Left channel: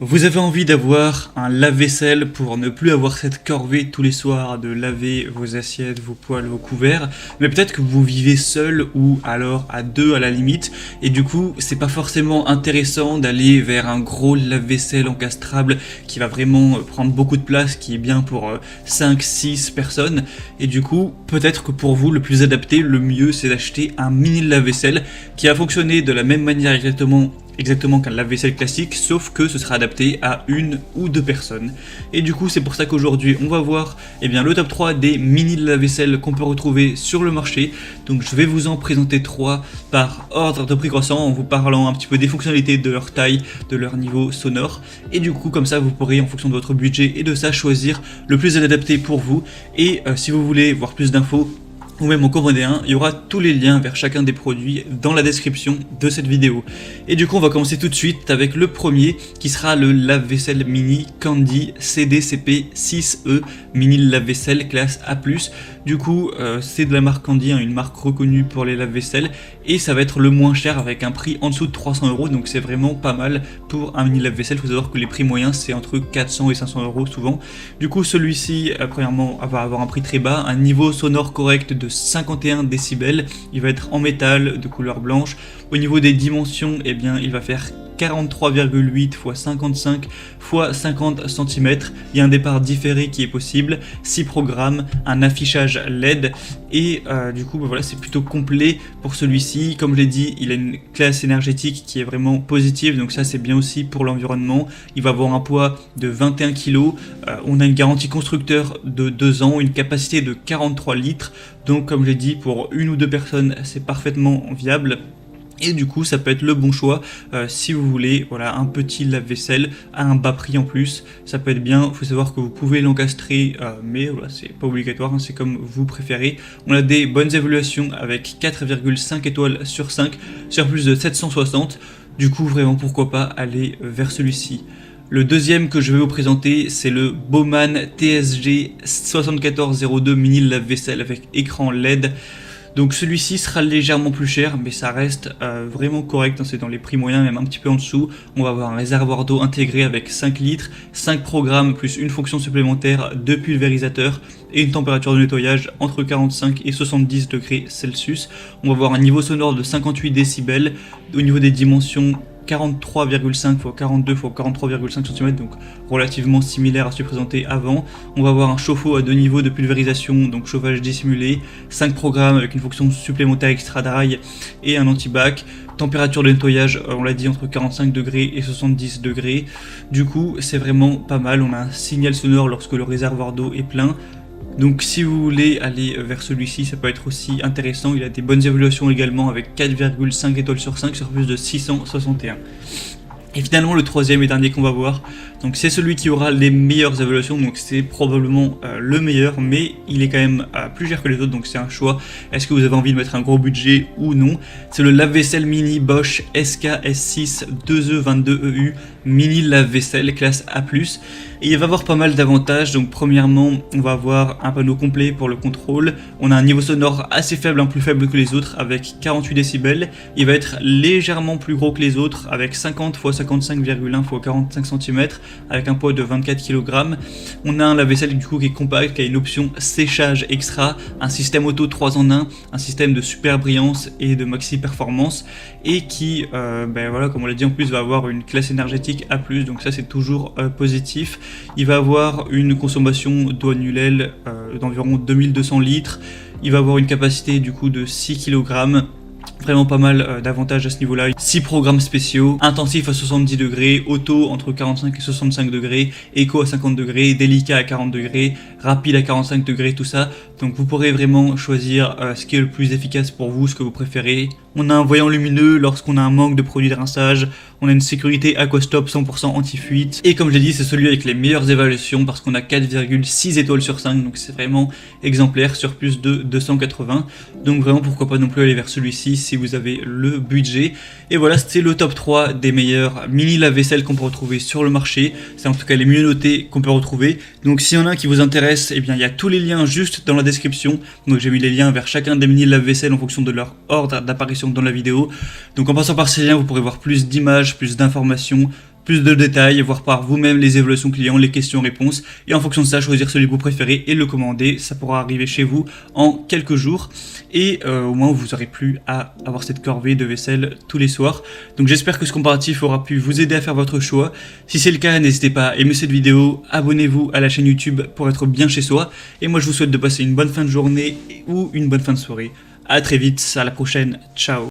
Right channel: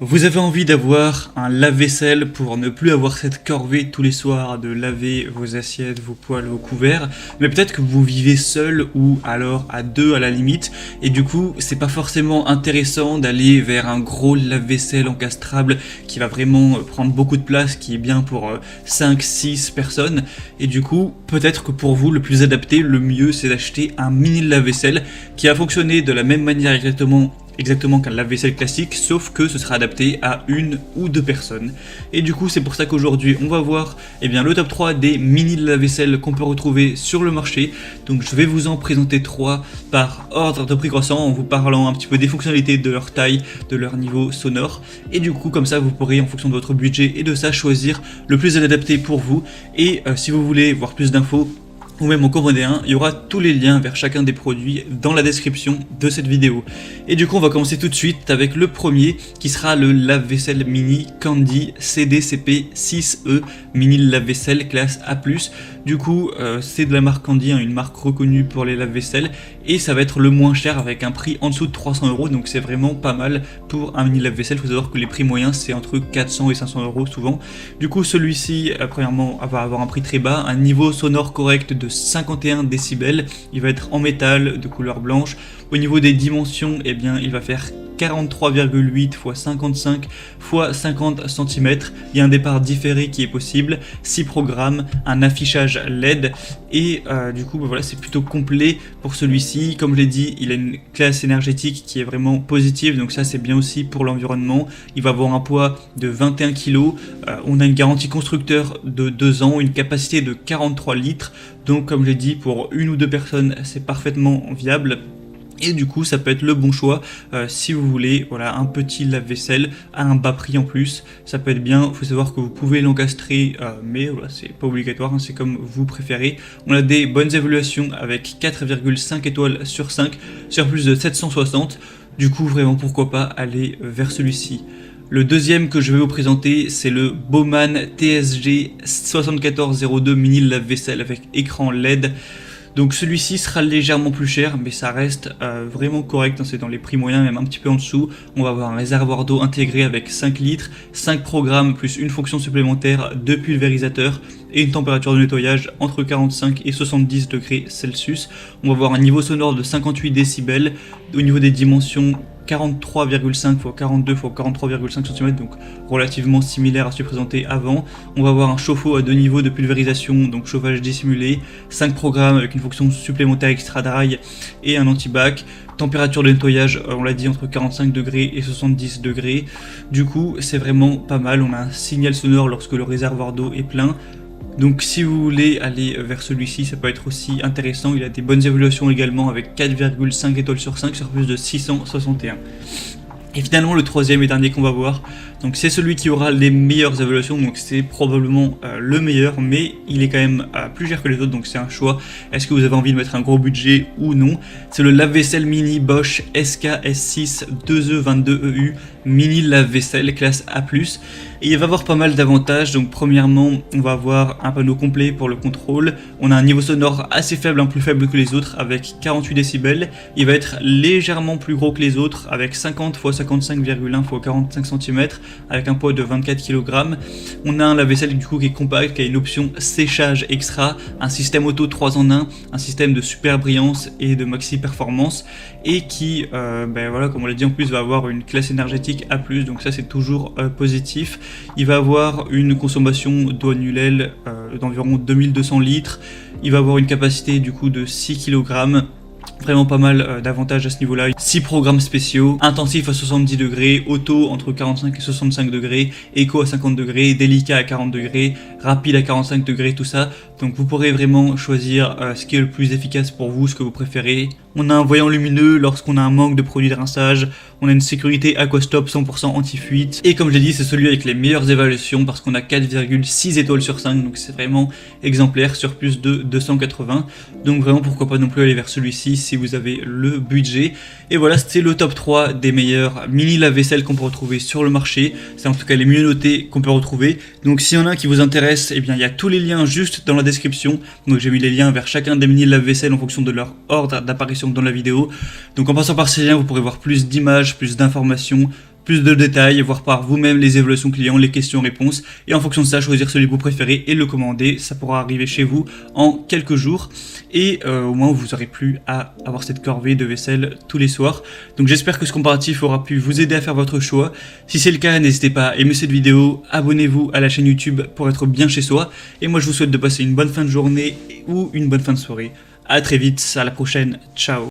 Vous avez envie d'avoir un lave-vaisselle pour ne plus avoir cette corvée tous les soirs de laver vos assiettes, vos poêles, vos couverts, mais peut-être que vous vivez seul ou alors à deux à la limite, et du coup c'est pas forcément intéressant d'aller vers un gros lave-vaisselle encastrable qui va vraiment prendre beaucoup de place, qui est bien pour 5-6 personnes, et du coup peut-être que pour vous le plus adapté, le mieux c'est d'acheter un mini lave-vaisselle qui va fonctionner de la même manière exactement qu'un lave-vaisselle classique, sauf que ce sera adapté à une ou deux personnes. Et du coup, c'est pour ça qu'aujourd'hui, on va voir le top 3 des mini lave-vaisselle qu'on peut retrouver sur le marché. Donc je vais vous en présenter 3 par ordre de prix croissant, en vous parlant un petit peu des fonctionnalités, de leur taille, de leur niveau sonore. Et du coup, comme ça, vous pourrez, en fonction de votre budget et de ça, choisir le plus adapté pour vous. Et si vous voulez voir plus d'infos, ou même en commander un, il y aura tous les liens vers chacun des produits dans la description de cette vidéo. Et du coup, on va commencer tout de suite avec le premier qui sera le lave-vaisselle mini Candy CDCP 6E mini lave-vaisselle classe A+. Du coup, c'est de la marque Candy, une marque reconnue pour les lave-vaisselle, et ça va être le moins cher avec un prix en dessous de 300 €, donc c'est vraiment pas mal pour un mini lave-vaisselle. Il faut savoir que les prix moyens c'est entre 400 et 500 € souvent. Du coup, celui-ci, premièrement, va avoir un prix très bas, un niveau sonore correct de 51 décibels. Il va être en métal de couleur blanche. Au niveau des dimensions, il va faire 43,8 x 55 x 50 cm. Il y a un départ différé qui est possible, 6 programmes, un affichage LED, et du coup voilà, c'est plutôt complet pour celui-ci. Comme je l'ai dit, il a une classe énergétique qui est vraiment positive, donc ça c'est bien aussi pour l'environnement. Il va avoir un poids de 21 kg, on a une garantie constructeur de 2 ans, une capacité de 43 litres, donc comme je l'ai dit, pour une ou deux personnes c'est parfaitement viable. Et du coup, ça peut être le bon choix si vous voulez, voilà, un petit lave-vaisselle à un bas prix en plus. Ça peut être bien. Il faut savoir que vous pouvez l'encastrer, mais voilà, c'est pas obligatoire, c'est comme vous préférez. On a des bonnes évaluations avec 4,5 étoiles sur 5 sur plus de 760. Du coup, vraiment, pourquoi pas aller vers celui-ci. Le deuxième que je vais vous présenter, c'est le Bowman TSG 7402 mini lave-vaisselle avec écran LED. Donc celui-ci sera légèrement plus cher, mais ça reste vraiment correct, c'est dans les prix moyens, même un petit peu en dessous. On va avoir un réservoir d'eau intégré avec 5 litres, 5 programmes plus une fonction supplémentaire de pulvérisateur et une température de nettoyage entre 45 et 70 degrés Celsius. On va avoir un niveau sonore de 58 décibels. Au niveau des dimensions, 43,5 x 42 x 43,5 cm, donc relativement similaire à ce présenté avant. On va avoir un chauffe-eau à deux niveaux de pulvérisation, donc chauffage dissimulé, 5 programmes avec une fonction supplémentaire extra dry et un anti-bac. Température de nettoyage, on l'a dit, entre 45 degrés et 70 degrés. Du coup, c'est vraiment pas mal. On a un signal sonore lorsque le réservoir d'eau est plein. Donc si vous voulez aller vers celui-ci, ça peut être aussi intéressant. Il a des bonnes évaluations également avec 4,5 étoiles sur 5 sur plus de 661. Et finalement, le troisième et dernier qu'on va voir, donc c'est celui qui aura les meilleures évaluations, donc c'est probablement le meilleur, mais il est quand même plus cher que les autres, donc c'est un choix. Est-ce que vous avez envie de mettre un gros budget ou non? C'est le lave-vaisselle mini Bosch SKS6 2E22EU mini lave-vaisselle classe A+. Et il va avoir pas mal d'avantages. Donc premièrement, on va avoir un panneau complet pour le contrôle. On a un niveau sonore assez faible, plus faible que les autres, avec 48 décibels. Il va être légèrement plus gros que les autres, avec 50 x 55,1 x 45 cm, avec un poids de 24 kg. On a un lave-vaisselle du coup qui est compact, qui a une option séchage extra, un système auto 3 en 1, un système de super brillance et de maxi performance, et qui, voilà, comme on l'a dit, en plus va avoir une classe énergétique A+, donc ça c'est toujours positif. Il va avoir une consommation d'eau annuelle d'environ 2200 litres. Il va avoir une capacité du coup de 6 kg. Vraiment pas mal d'avantages à ce niveau-là. 6 programmes spéciaux, intensif à 70 degrés, auto entre 45 et 65 degrés, éco à 50 degrés, délicat à 40 degrés, rapide à 45 degrés, tout ça. Donc vous pourrez vraiment choisir ce qui est le plus efficace pour vous, ce que vous préférez. On a un voyant lumineux lorsqu'on a un manque de produits de rinçage. On a une sécurité Aquastop 100% anti-fuite. Et comme je l'ai dit, c'est celui avec les meilleures évaluations parce qu'on a 4,6 étoiles sur 5. Donc c'est vraiment exemplaire sur plus de 280. Donc vraiment pourquoi pas non plus aller vers celui-ci si vous avez le budget. Et voilà, c'était le top 3 des meilleurs mini lave-vaisselle qu'on peut retrouver sur le marché. C'est en tout cas les mieux notés qu'on peut retrouver. Donc s'il y en a qui vous intéresse, il y a tous les liens juste dans la description. Donc j'ai mis les liens vers chacun des mini lave-vaisselle en fonction de leur ordre d'apparition dans la vidéo. Donc en passant par ces liens, vous pourrez voir plus d'images, plus d'informations, plus de détails, voir par vous-même les évaluations clients, les questions-réponses, et en fonction de ça, choisir celui que vous préférez et le commander. Ça pourra arriver chez vous en quelques jours, et au moins vous n'aurez plus à avoir cette corvée de vaisselle tous les soirs. Donc j'espère que ce comparatif aura pu vous aider à faire votre choix. Si c'est le cas, n'hésitez pas à aimer cette vidéo, abonnez-vous à la chaîne YouTube pour être bien chez soi, et moi je vous souhaite de passer une bonne fin de journée ou une bonne fin de soirée. À très vite, à la prochaine, ciao.